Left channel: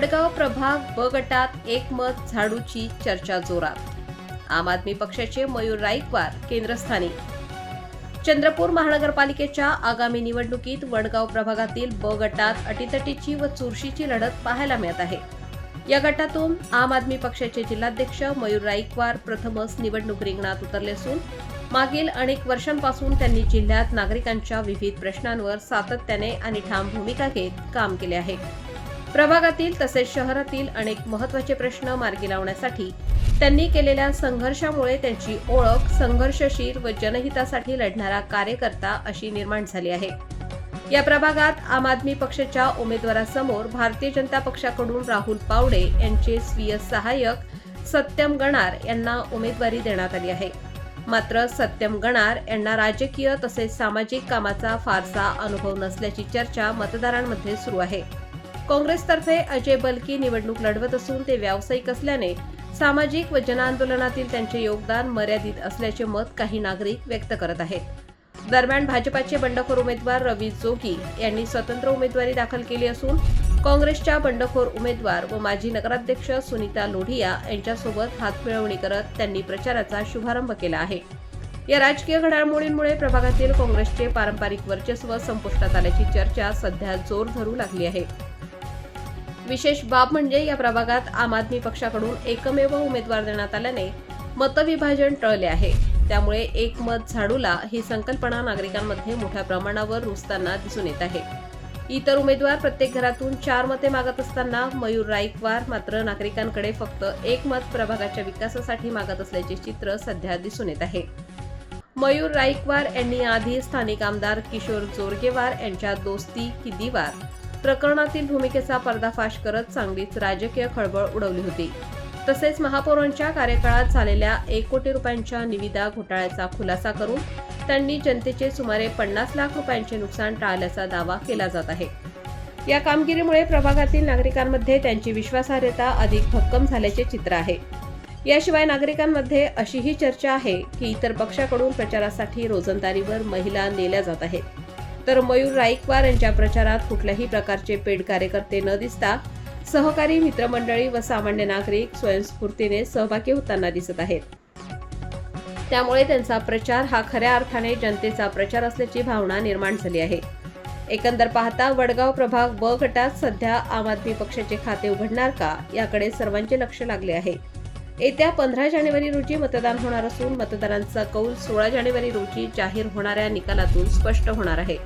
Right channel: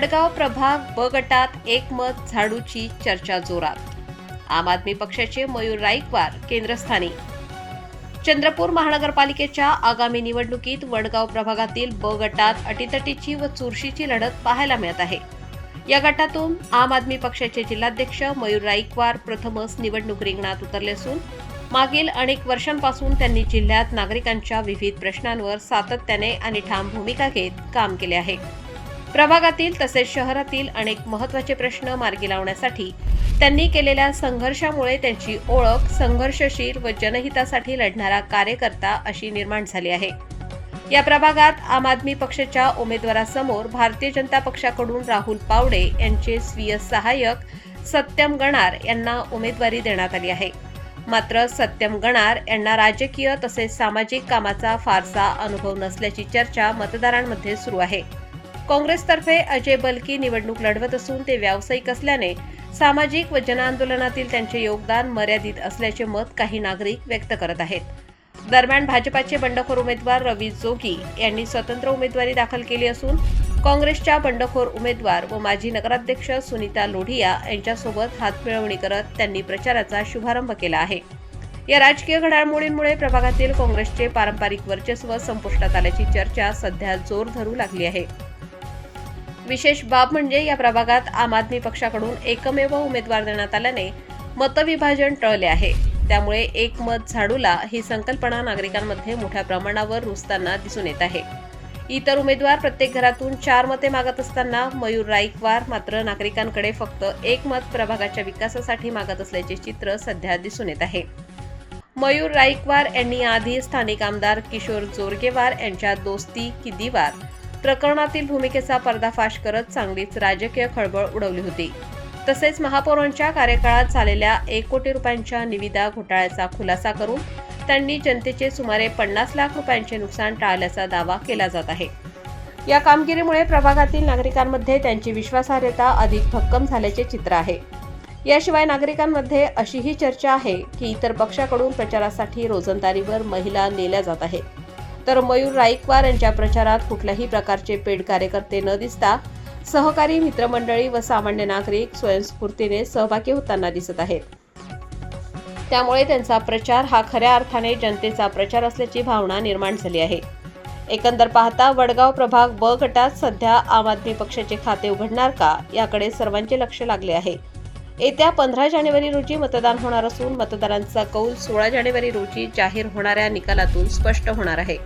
वडगाव प्रभाग ब गटात एकमत झाडूची चर्चा जोरात. आम आदमी पक्षाचे मयूर राईकवार केंद्रस्थानी. चंद्रपूर महानगरपालिकेच्या आगामी निवडणुकीत वडगाव प्रभागातील ब गटात अटीतटीची व चुरशीची लढत पाहायला मिळत आहे. या गटातून आम आदमी पक्षाचे जिल्हाध्यक्ष मयूर राईकवार प्रथमच निवडणूक रिंगणात उतरले असून मागील अनेक वर्षांपासून त्यांनी जिल्ह्यात नागरिकांच्या विविध प्रश्नांवर सातत्याने आणि ठाम भूमिका घेत काम केले आहे. प्रभागातील तसेच शहरातील अनेक महत्त्वाचे प्रश्न मार्गी लावण्यासाठी त्यांनी केलेल्या संघर्षामुळे त्यांची ओळख संघर्षशील व जनहितासाठी लढणारा कार्यकर्ता अशी निर्माण झाली आहे. या प्रभागात आम आदमी पक्षाच्या उमेदवारासमोर भारतीय जनता पक्षाकडून राहुल पावडे यांचे स्वीय सहाय्यक सत्यम गणार यांना उमेदवारी देण्यात आली आहे. मात्र सत्यम गणार यांना राजकीय तसेच सामाजिक कामाचा फारसा अनुभव नसल्याची चर्चा मतदारांमध्ये सुरू आहे. काँग्रेसतर्फे अजय बलकी निवडणूक लढवत असून ते व्यावसायिक असल्याने सामाजिक व जनआंदोलनातील त्यांचे योगदान मर्यादित असल्याचे मत काही नागरिक व्यक्त करत आहेत. दरम्यान भाजपाचे बंडखोर उमेदवार रवी जोगी यांनी स्वतंत्र उमेदवारी दाखल केली असून काँग्रेसच्या बंडखोर उमेदवार व माजी नगराध्यक्ष सुनीता लोढिया यांच्यासोबत हातमिळवणी करत त्यांनी प्रचाराचा शुभारंभ केला आहे. या राजकीय घडामोडींमुळे प्रभागातील काँग्रेसचे पारंपरिक वर्चस्व संपुष्टात आल्याची चर्चा सध्या जोर धरू लागली आहे. विशेष बाब म्हणजे या प्रभागात आम आदमी पक्षाकडून एकमेव उमेदवार देण्यात आल्याने मतविभाजन टळले आहे. त्यामुळे एक मत झाडूला ही संकल्पना नागरिकांमध्ये मोठ्या प्रमाणावर रुजताना दिसून येत आहे. इतर उमेदवार प्रत्येक घरातून चार मते मागत असताना मयूर राईकवार मात्र नागरिकांकडे फक्त एक मत प्रभागाच्या विकासासाठी मागत असल्याचे चित्र सध्या दिसून येत आहे. मयूर राईकवार यांनी आधी स्थानिक आमदार किशोर जोरगेवार यांच्या दोस्ती की दिवार प्रकरणातील भूमिकेचा पर्दाफाश करत चांगलीच राजकीय खळबळ उडवली होती. तसेच महापौरांच्या कार्यकाळात झालेल्या एक कोटी रुपयांच्या निविदा घोटाळ्याचा खुलासा करून त्यांनी जनतेचे सुमारे पन्नास लाख रुपयांचे नुकसान टाळल्याचा दावा केला जात आहे. या कामगिरीमुळे प्रभागातील नागरिकांमध्ये त्यांची विश्वासार्हता अधिक भक्कम झाल्याचे चित्र आहे. याशिवाय नागरिकांमध्ये अशीही चर्चा आहे की इतर पक्षाकडून प्रचारासाठी रोजंदारीवर महिला नेल्या जात आहेत. तर मयूर राईकवार यांच्या प्रचारात कुठल्याही प्रकारचे पेड कार्यकर्ते न दिसता सहकारी मित्रमंडळी व सामान्य नागरिक स्वयंस्फूर्तीने सहभागी होताना दिसत आहेत. त्यामुळे त्यांचा प्रचार हा खऱ्या अर्थाने जनतेचा प्रचार असल्याची भावना निर्माण झाली आहे. एकंदर पाहता वडगाव प्रभाग ब गटात सध्या आम आदमी पक्षाचे खाते उघडणार का याकडे सर्वांचे लक्ष लागले आहे. येत्या पंधरा जानेवारी रोजी मतदान होणार असून मतदारांचा कौल सोळा जानेवारी रोजी जाहीर होणाऱ्या निकालातून स्पष्ट होणार आहे.